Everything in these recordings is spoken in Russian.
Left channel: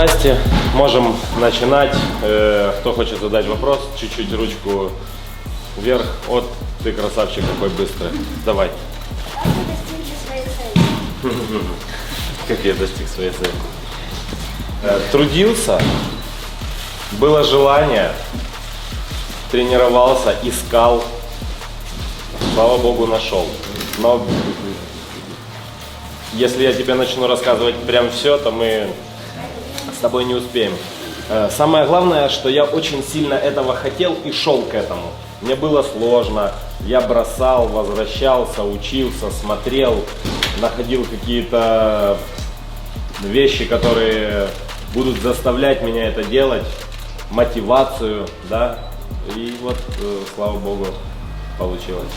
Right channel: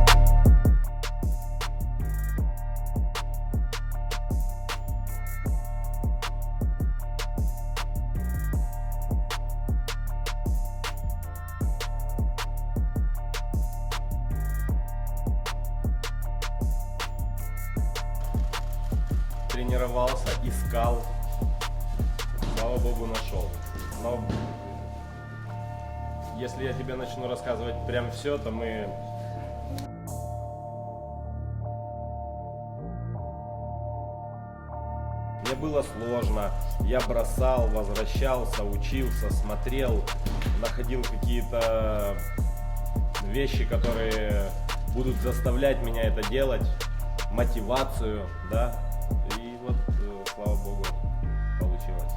Здрасте, можем начинать. Кто хочет задать вопрос, чуть-чуть ручку вверх. Вот ты красавчик какой быстрый. Давай. Как я достиг своей цели? Трудился, было желание, тренировался, искал. Слава богу, нашел. Но если я тебе начну рассказывать прям все, то мы с тобой не успеем. Самое главное, что я очень сильно этого хотел и шел к этому. Мне было сложно, я бросал, возвращался, учился, смотрел, находил какие-то вещи, которые будут заставлять меня это делать, мотивацию, да, и вот, слава богу, получилось.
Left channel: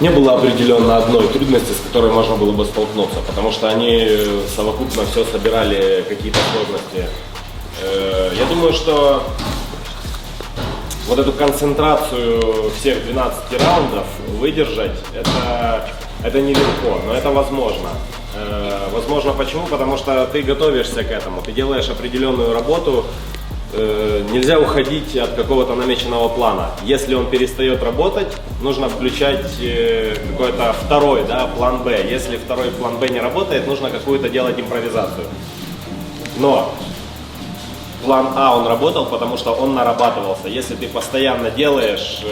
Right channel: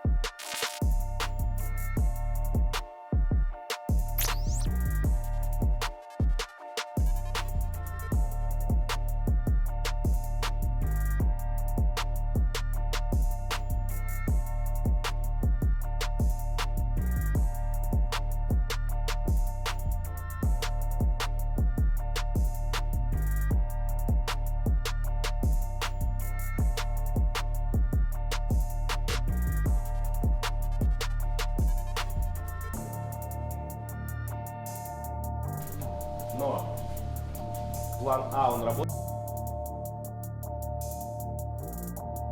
Не было определенно одной трудности, с которой можно было бы столкнуться, потому что они совокупно все собирали какие-то сложности. Я думаю, что вот эту концентрацию всех 12 раундов выдержать, это нелегко, но это возможно. Возможно почему? Потому что ты готовишься к этому, ты делаешь определенную работу. Нельзя уходить от какого-то намеченного плана. Если он перестает работать, нужно включать какой-то второй, да, план Б. Если второй план Б не работает, нужно какую-то делать импровизацию. Но план А он работал, потому что он нарабатывался. Если ты постоянно делаешь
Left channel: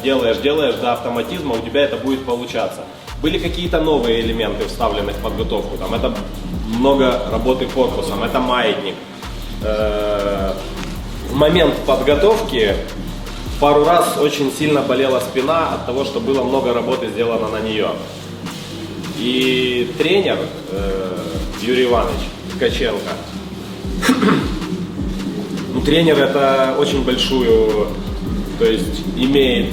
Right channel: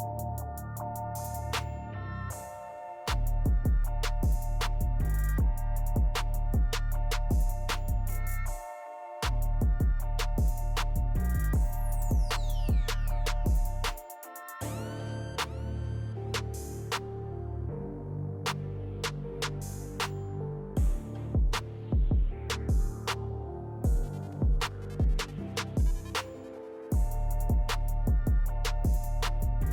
до автоматизма, у тебя это будет получаться. Были какие-то новые элементы, вставлены в подготовку. Там, это много работы корпусом, это маятник. В момент подготовки пару раз очень сильно болела спина от того, что было много работы сделано на нее. И тренер Юрий Иванович Ткаченко, тренер это очень большую, то есть имеет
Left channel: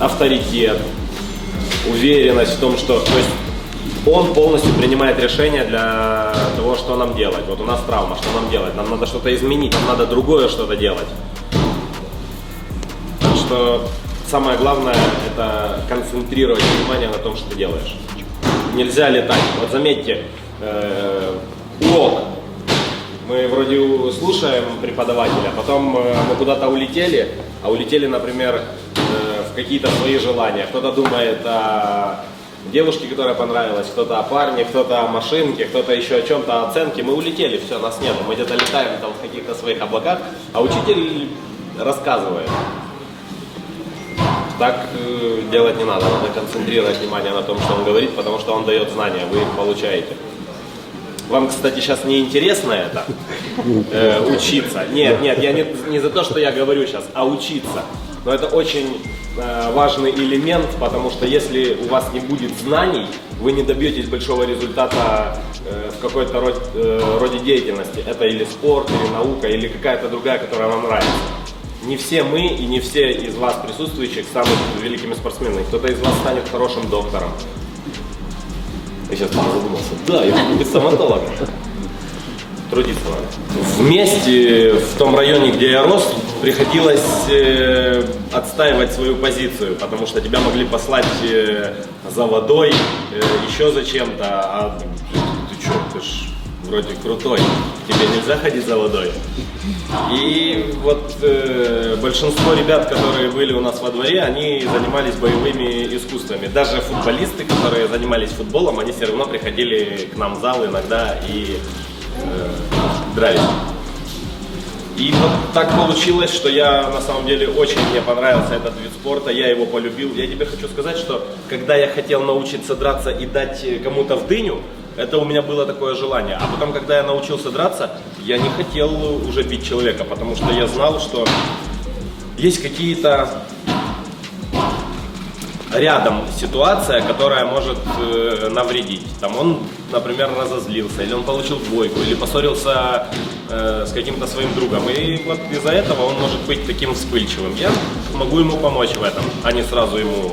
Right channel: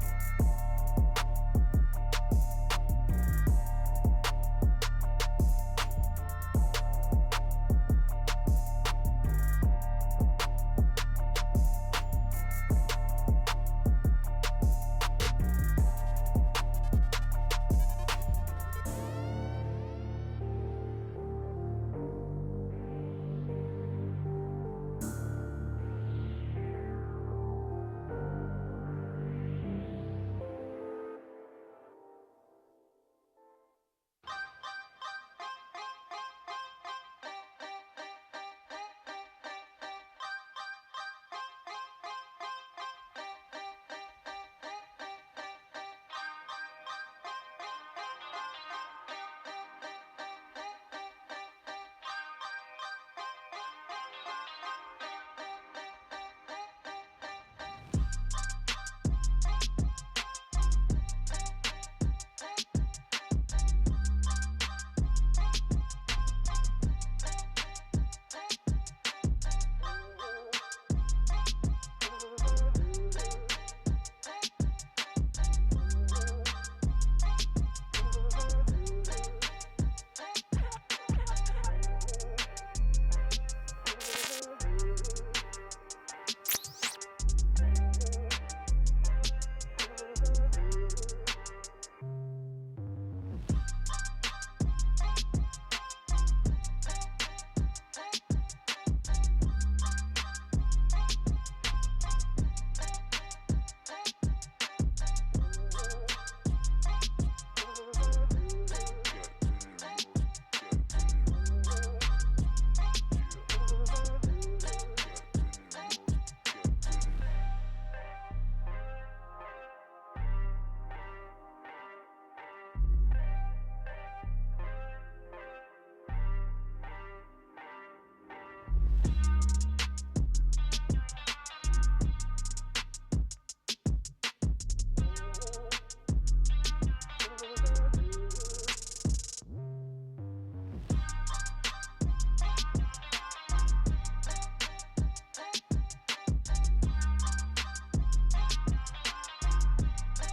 авторитет, уверенность в том, что, то есть, он полностью принимает решение для того, что нам делать. Вот у нас травма, что нам делать? Нам надо что-то изменить, нам надо другое что-то делать. Так что самое главное – это концентрировать внимание на том, что ты делаешь. Нельзя летать. Вот заметьте, урок. Мы вроде слушаем преподавателя, потом мы куда-то улетели, а улетели, например, в какие-то свои желания. Кто-то думает о девушке, которая понравилась, кто-то о парне, кто-то о машинке, кто-то еще о чем-то, о оценке. Мы улетели, все, нас нету. Мы где-то летаем там в каких-то своих облаках, а учитель рассказывает. Так делать не надо, надо концентрировать внимание на том, что он говорит, потому что он дает знания, вы их получаете. Вам, кстати, сейчас не интересно это, учиться? Нет, я не за то, что я говорю сейчас, а учиться. Но это очень важный элемент, потому что если у вас не будет знаний, вы не добьетесь большого результата в какой-то роде деятельности. Это или спорт, или наука, или какая-то другая, которая вам нравится. Не все мы и не все из вас присутствующих станут великими спортсменами. Кто-то из вас станет хорошим доктором. Я сейчас задумался. Да, я буду быть стоматологом. Трудиться надо. Вместе, в том районе, где я рос, приходилось отстаивать свою позицию, потому что тебя могли послать за водой, еще за чем-то, а ты что, ты ж вроде крутой, тебе нельзя ходить за водой. И вот большинство ребят, которые были у нас во дворе, они занимались боевыми искусствами. Даже футболисты, которые занимались футболом, они все равно приходили к нам в зал иногда и дрались. И вот так получилось, что я на самом деле очень мне понравился этот вид спорта, я его полюбил. Я тебе хочу сказать, что когда я хотел научиться драться и дать кому-то в дыню, это у меня было такое желание. А потом, когда я научился драться, я не хотел уже бить человека, потому что я знал, что есть какие-то рядом ситуация, которая может навредить. Там он, например, разозлился, или он получил двойку, или поссорился с каким-то своим другом. И вот из-за этого он может быть таким вспыльчивым. Я могу ему помочь в этом, а не сразу ему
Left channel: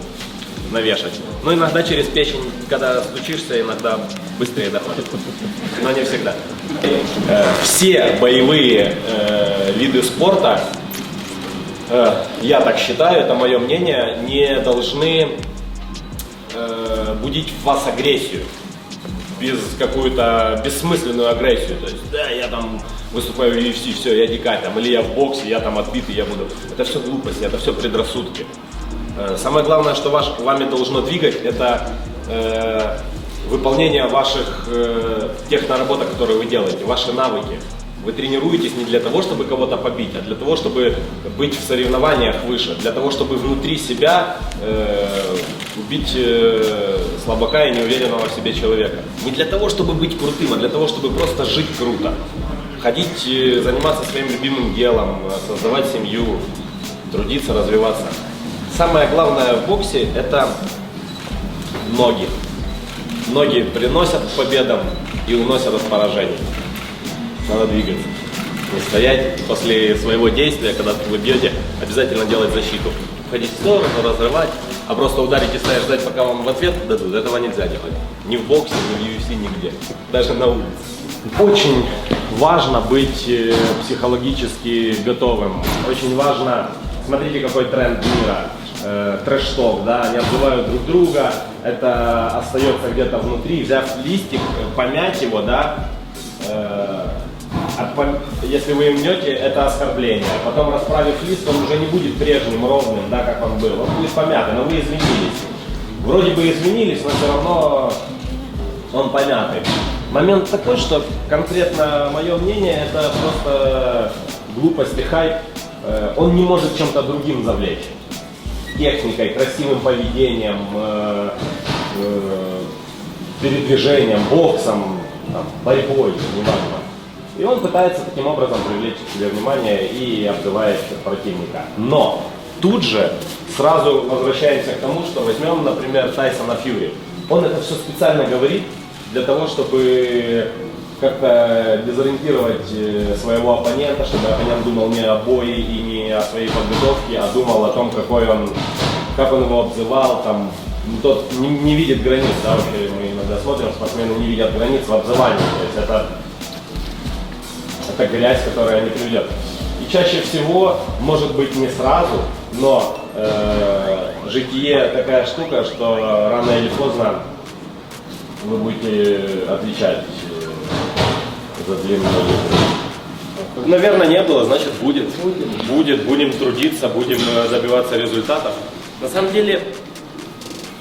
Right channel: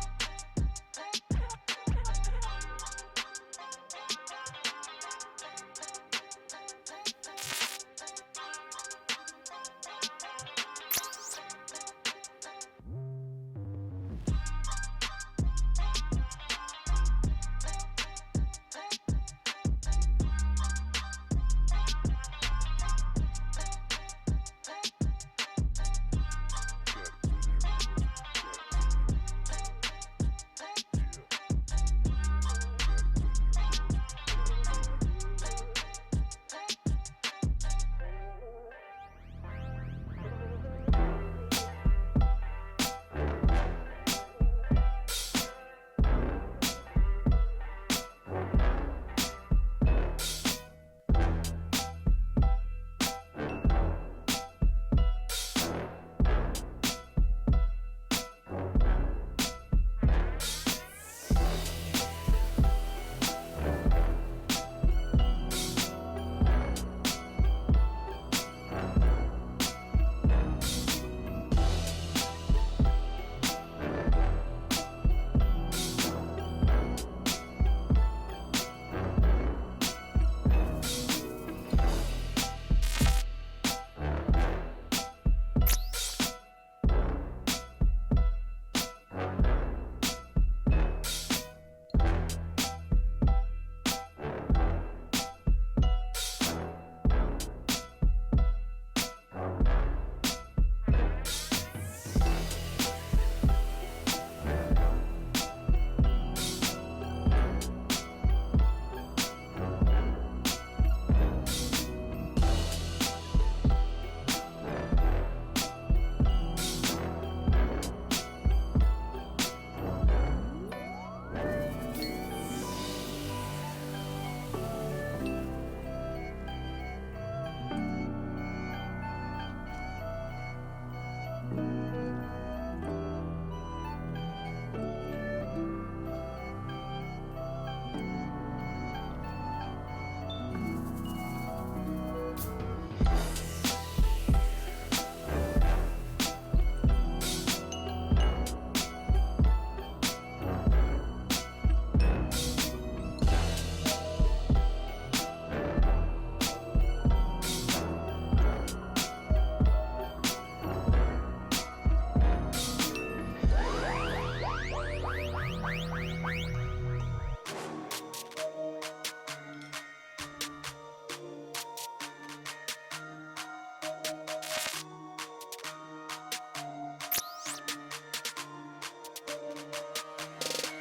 навешать. Но иногда через печень, когда стучишься, иногда быстрее доходит. Но не всегда. Все боевые виды спорта, я так считаю, это мое мнение, не должны будить в вас агрессию. без какую-то бессмысленную агрессию. То есть, да, я там выступаю в UFC, все, я дикарь, там, или я в боксе, я там отбитый, я буду. Это все глупости, это все предрассудки. Самое главное, что вами должно двигать, это выполнение ваших тех наработок, которые вы делаете, ваши навыки. Вы тренируетесь не для того, чтобы кого-то побить, а для того, чтобы быть в соревнованиях выше, для того, чтобы внутри себя убить слабака и неуверенного в себе человека. Не для того, чтобы быть крутым, а для того, чтобы просто жить круто. Ходить, заниматься своим любимым делом, создавать семью, трудиться, развиваться. Самое главное в боксе – это ноги. Ноги приносят к победам и уносят от поражений. Надо двигаться. Не стоять после своего действия, когда вы бьете, обязательно делать защиту. Ходить в сторону, разрывать, а просто ударить и стоять, ждать, пока вам в ответ дадут, этого нельзя делать. Ни в боксе, ни в UFC, нигде. Даже на улице. Очень важно быть психологически готовым. Очень важно, смотрите, какой тренд мира. Трэш-ток, да, они обзывают друг друга, это остается где-то внутри, взяв листик, помять его, да, если вы им мнете, это оскорбление. Потом, расправив лист, он уже не будет прежним, ровным, да, как он был, он будет помятый, но вы изменились. Вроде бы изменились, но все равно он помятый. Момент такой, что конкретно мое мнение, это просто глупость и хайп, он не может чем-то другим завлечь. Техникой, красивым поведением, передвижением, боксом, там, борьбой, неважно. И он пытается таким образом привлечь к себе внимание и обзывает противника. Но тут же сразу возвращаемся к тому, что возьмем, например, Тайсона Фьюри. Он это все специально говорит для того, чтобы как-то дезориентировать своего оппонента, чтобы оппонент думал не о бое и не о своей подготовке, а думал о том, как он его обзывал, там, тот не видит границ, да, вообще мы иногда смотрим, спортсмены не видят границ в обзывании, то есть это грязь, которая не приведет. И чаще всего, может быть не сразу, но житие такая штука, что рано или поздно вы будете отвечать за длинную жизнь. Наверное, не было, значит будет. Будет, будем трудиться, будем добиваться результатов. На самом деле,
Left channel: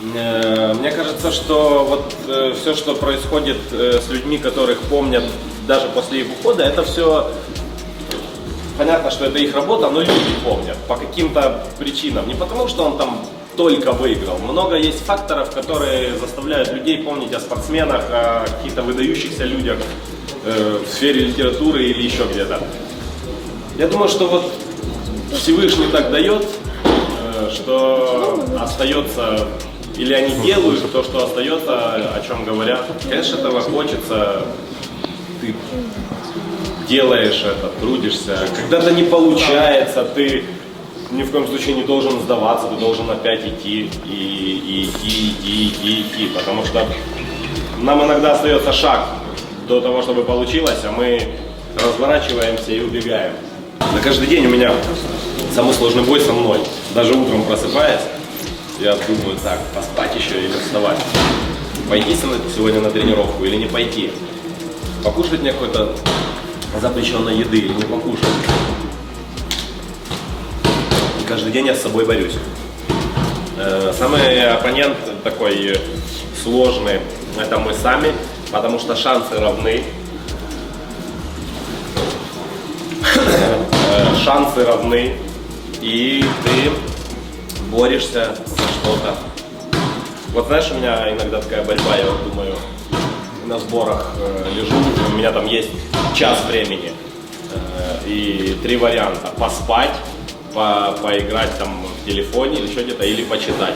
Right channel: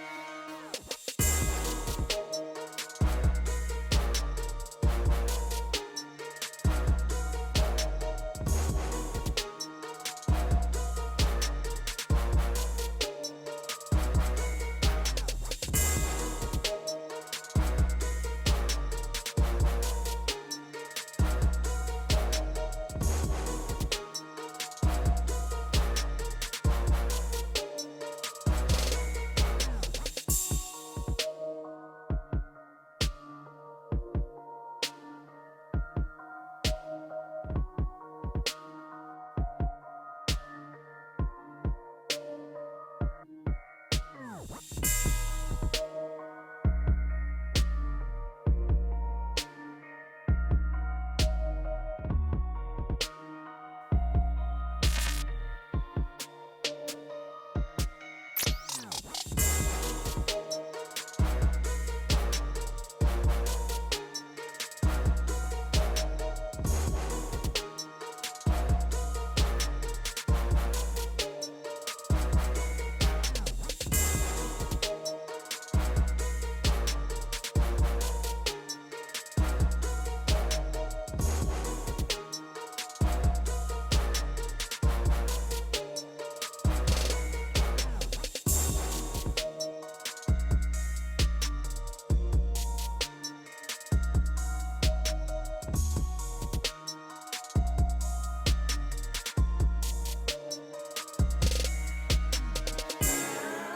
мне кажется, что вот все, что происходит с людьми, которых помнят даже после их ухода, это все понятно, что это их работа, но люди помнят по каким-то причинам. Не потому, что он там только выиграл. Много есть факторов, которые заставляют людей помнить о спортсменах, о каких-то выдающихся людях в сфере литературы или еще где-то. Я думаю, что вот Всевышний так дает, что остается, или они делают то, что остается, о чем говорят. Конечно, этого хочется, ты делаешь это, трудишься. Когда-то не получается, ты ни в коем случае не должен сдаваться, ты должен опять идти и идти, потому что нам иногда остается шаг до того, чтобы получилось, а мы разворачиваемся и убегаем. На каждый день у меня самый сложный бой со мной. Даже утром просыпаясь, я думаю, так, поспать еще или вставать. Пойти сегодня на тренировку или не пойти? Покушать мне какой-то запрещенной еды или не покушать? И каждый день я с собой борюсь. Самый оппонент такой сложный — это мы сами, потому что шансы равны. Шансы равны, и ты борешься за что-то. Вот знаешь, у меня иногда такая борьба, я вот думаю, на сборах лежу, у меня там есть час времени и 3 варианта: поспать, поиграть там в телефоне или еще где-то, или почитать.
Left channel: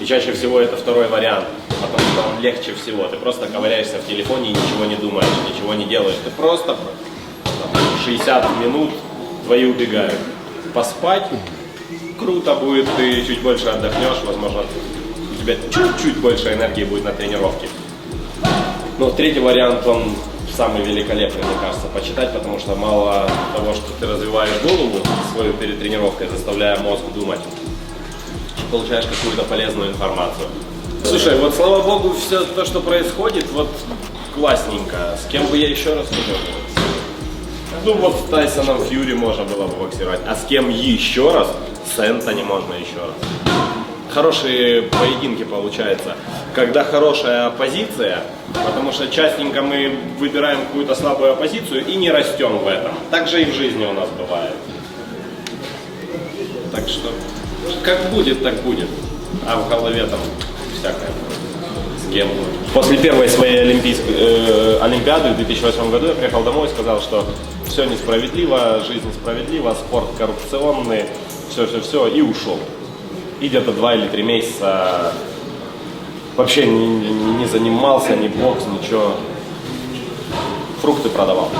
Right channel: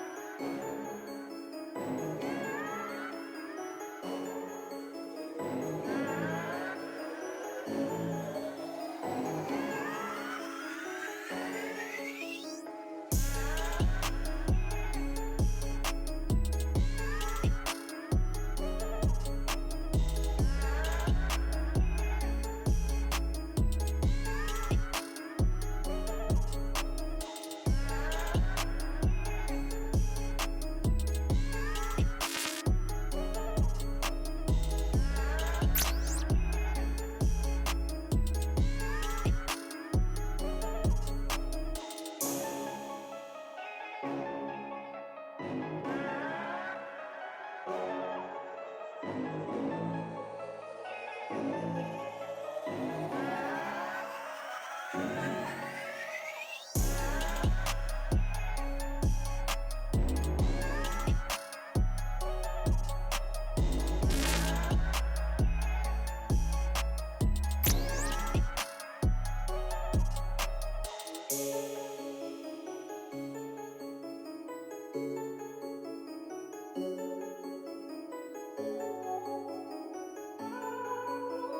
И чаще всего это второй вариант, потому что он легче всего. Ты просто ковыряешься в телефоне и ничего не думаешь, ничего не делаешь. Ты просто 60 минут твои убегают. Поспать круто будет, ты чуть больше отдохнешь, возможно, у тебя чуть-чуть больше энергии будет на тренировке. Но третий вариант, он самый великолепный, мне кажется, почитать, потому что мало того, что ты развиваешь голову свою перед тренировкой, заставляя мозг думать, получаешь какую-то полезную информацию. Слушай, вот слава богу, все то, что происходит, вот классненько. С кем бы я еще раз хотел? Ну вот с Тайсоном Фьюри можно было бы боксировать. А с кем еще раз? С Энтони можно еще раз. Хорошие поединки получаются, когда хорошая оппозиция, потому что частенько мы выбираем какую-то слабую оппозицию и не растем в этом. Так же и в жизни у нас бывает. Так что, как будет, так будет. А в голове там всякое. С кем? После первой своей Олимпиады в 2008 году я приехал домой и сказал, что все несправедливо, жизнь несправедлива, спорт коррупционный, все, и ушел. И где-то 2 или 3 месяца вообще не занимался, ни бокс, ничего. Фрукты продавал.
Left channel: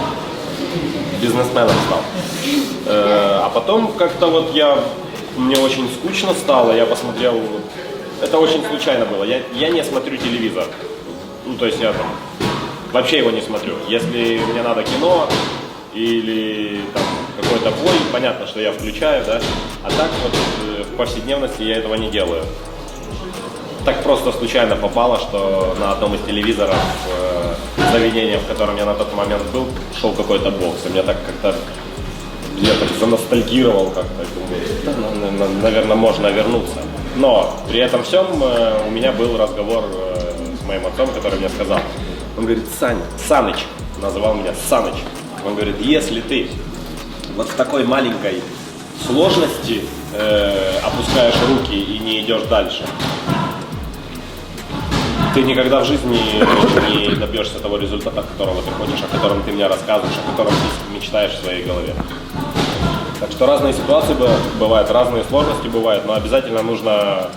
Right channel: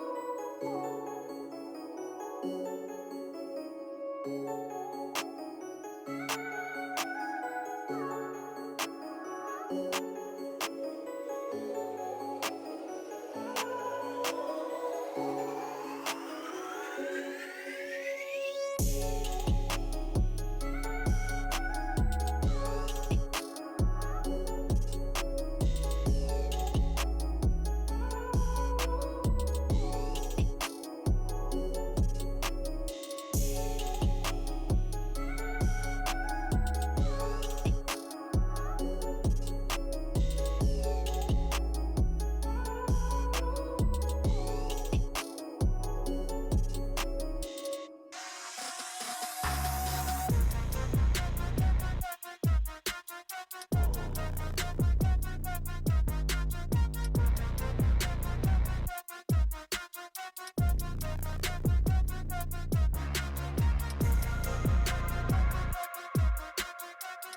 Бизнесменом стал. А потом как-то вот мне очень скучно стало, я посмотрел, это очень случайно было, я не смотрю телевизор. Ну, то есть я там вообще его не смотрю. Если мне надо кино или там какой-то бой, понятно, что я включаю, да, а так вот в повседневности я этого не делаю. Так просто случайно попало, что на одном из телевизоров заведения, в котором я на тот момент был, шел какой-то бокс, и мне так как-то, я так заностальгировал как-то, думаю, да, наверное, можно вернуться. Но при этом всем у меня был разговор с моим отцом, который мне сказал, он говорит, Саныч, называл меня Саныч, он говорит, если ты вот в такой маленькой сложности опускаешь руки и не идешь дальше, ты никогда в жизни не добьешься того результата, которого ты хочешь, о котором ты мне рассказываешь, о котором ты мечтаешь в своей голове. Так что разные ситуации бывают, разные сложности бывают, но обязательно нужно,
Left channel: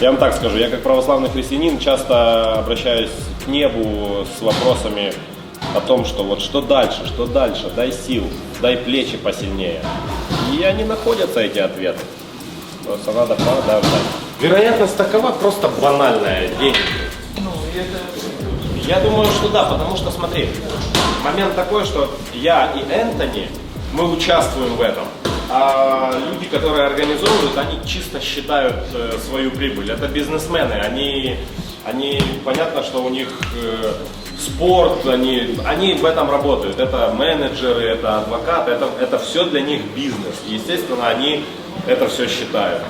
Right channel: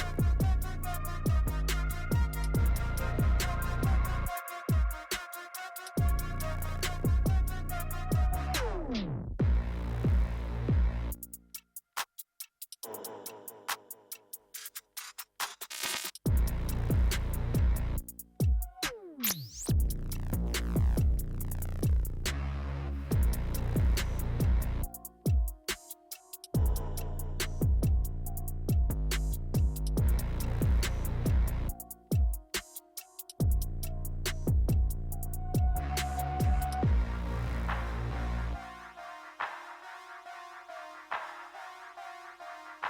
я вам так скажу, я как православный христианин часто обращаюсь к небу с вопросами о том, что вот что дальше, дай сил, дай плечи посильнее. И они находятся, эти ответы. Просто надо продолжать. Вероятность такова просто банальная. Деньги. Я думаю, что да, потому что, смотри, момент такой, что я и Энтони, мы участвуем в этом. А люди, которые организовывают, они чисто считают свою прибыль. Это бизнесмены, они понятно, что у них спорт, они в этом работают. Это менеджеры, это адвокаты, это все для них бизнес. И, естественно, они это все считают.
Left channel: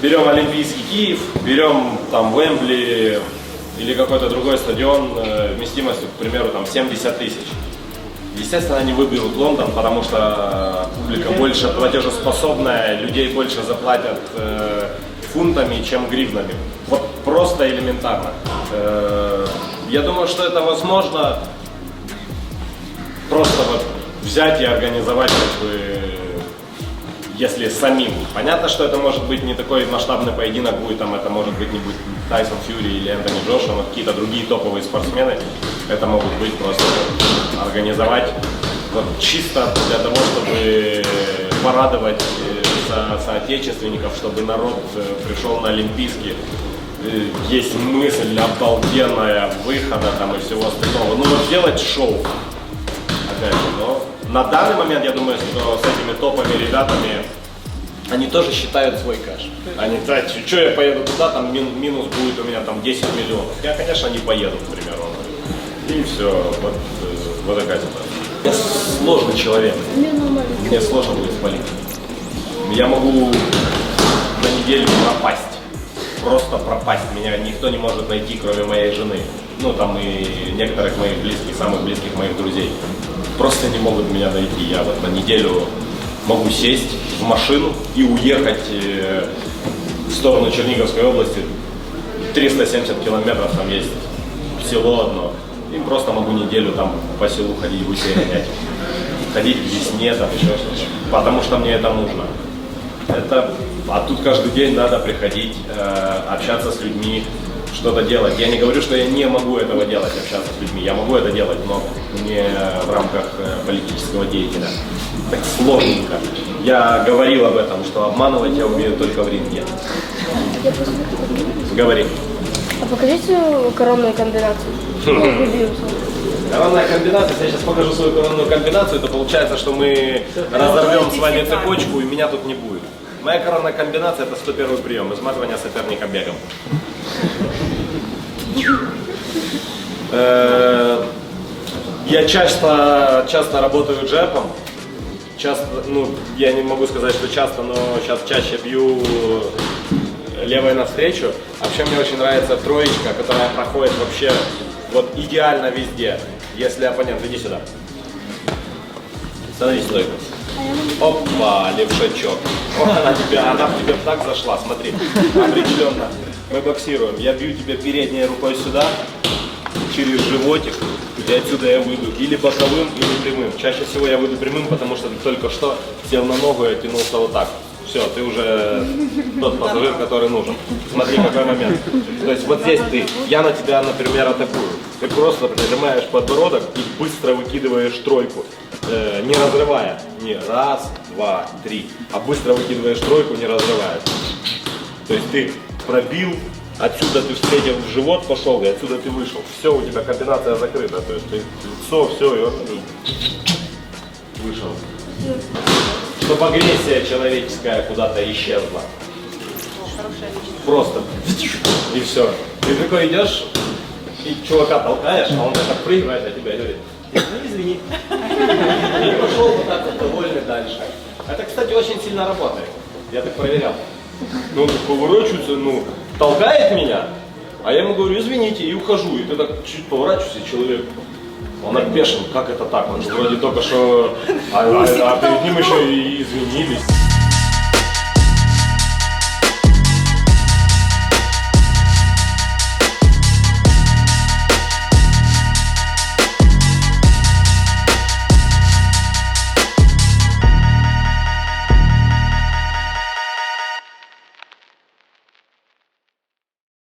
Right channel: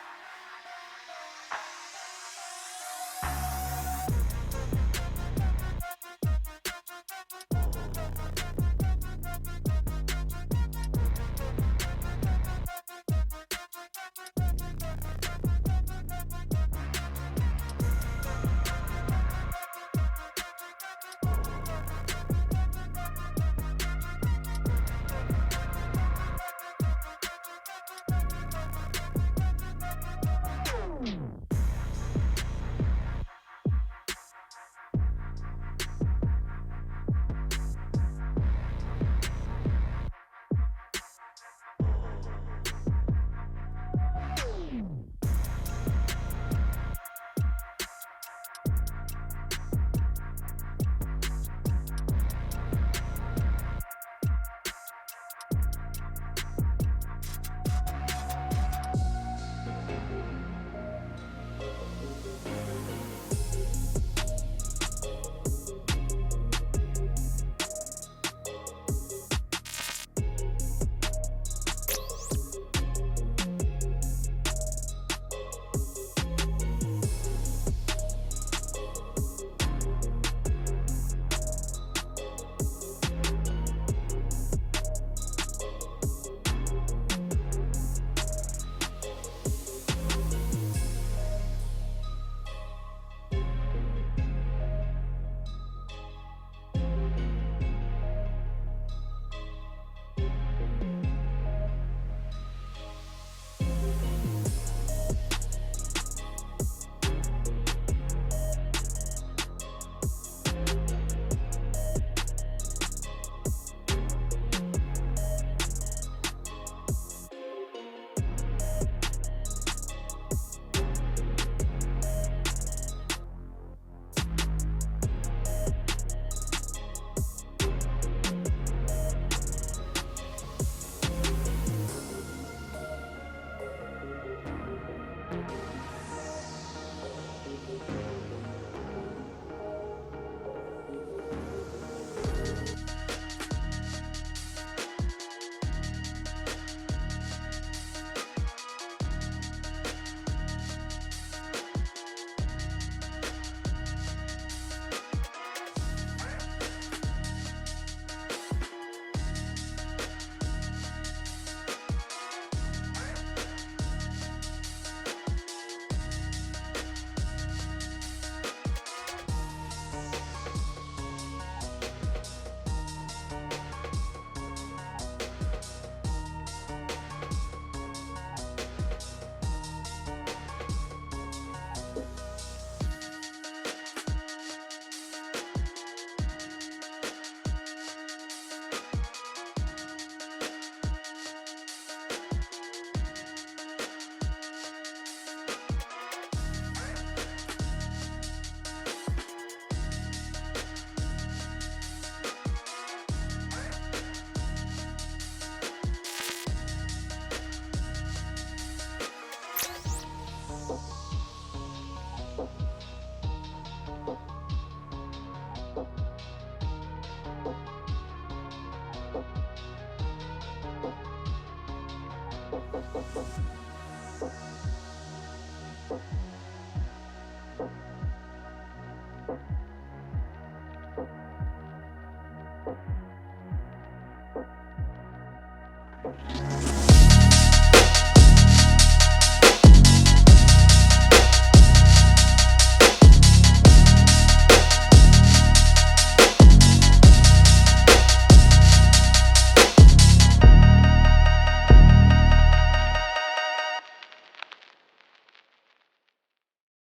Берем Олимпийский Киев, берем там Уэмбли или какой-то другой стадион вместимостью, к примеру, там 70 тысяч. Естественно, они выберут Лондон, потому что публика больше платежеспособная, людей больше заплатят фунтами, чем гривнами. Вот просто элементарно. Я думаю, что это возможно просто вот взять и организовать, как бы, если самим. Понятно, что это может быть не такой масштабный поединок будет, там это может быть не будет Тайсон Фьюри или Энтони Джошуа, но какие-то другие топовые спортсмены. Это могут быть просто организовать вот чисто для того, чтобы порадовать соотечественников, чтобы народ пришел на Олимпийский. Есть мысль обалденная выхода там и всего остального. Ну вот сделать шоу. Опять же, но на данный момент я думаю, что с этими топовыми ребятами они тоже считают свой кэш. Они, да, что я поеду туда, там минус будет у меня там 10 миллионов. Я, конечно, не поеду, к примеру. И все, вот такая ситуация. Я сложный человек. Мне сложно будет спалить. Я могу на неделю пропасть. Просто пропасть. Меня никто не может найти, кроме моей жены. Ну, там и некоторых моих близких, самых близких моих друзей. Просто не могут меня найти. Я вот на неделю могу сесть в машину и уехать в сторону Черниговской области. 370 километров там есть село одно. И просто могу неделю там по селу ходить, гусей гонять. Ходить к весне, там еще что-то. Потому что мне это нужно. А тут каждый день надо приходить, общаться с людьми, что-то делать. Я не говорю, что я не могу этого делать, общаться с людьми. Я могу это делать, но не в рамках политического деятеля. Так сложненько. Я говорил об этом, что обманывать я умею только в ринге. Говори. А покажите коронную комбинацию. Коронная комбинация, если я сейчас покажу свою коронную комбинацию, то получается, что мы разорвем с вами цепочку, и меня тут не будет. Моя коронная комбинация это 101 прием, изматывание соперника бегом. Я часто работаю джебом. Часто, ну, я не могу сказать, что часто, но сейчас чаще бью левой навстречу. А вообще мне очень нравится троечка, которая проходит вообще вот идеально везде. Если оппонент, иди сюда. Становись стойко. Опа, левшачок. Она в тебя так зашла, смотри. Определенно. Мы боксируем. Я бью тебя передней рукой сюда, через животик. И отсюда я выйду или боковым, или прямым. Чаще всего я выйду прямым, потому что ты только что сел на ногу и оттянулся вот так. Все, ты уже тот пассажир, который нужен. Смотри, какой момент. То есть вот здесь я на тебя, например, атакую. Ты просто нажимаешь подбородок и быстро выкидываешь тройку. Не разрывая. Не раз, два, три. А быстро выкидываешь тройку, не разрывая. То есть ты пробил. Отсюда ты встретил в живот, пошел, и отсюда ты вышел. Все, у тебя комбинация закрыта. То есть ты лицо, все, и он вышел. Чтобы агрессия человеческая куда-то исчезла. Просто. И все. Ты такой идешь, и чувака толкаешь, а он так отпрыгивает от тебя и говорит, ну извини. И пошел вот так вот довольный дальше. Это, кстати, очень сильно работает. Я так проверял. Ну, он так поворачивается, ну, толкает меня, а я ему говорю, извините, и ухожу. И ты так чуть поворачиваешься, и человек, он опешен, как это так? Он же вроде только что, а перед ним еще и извинились.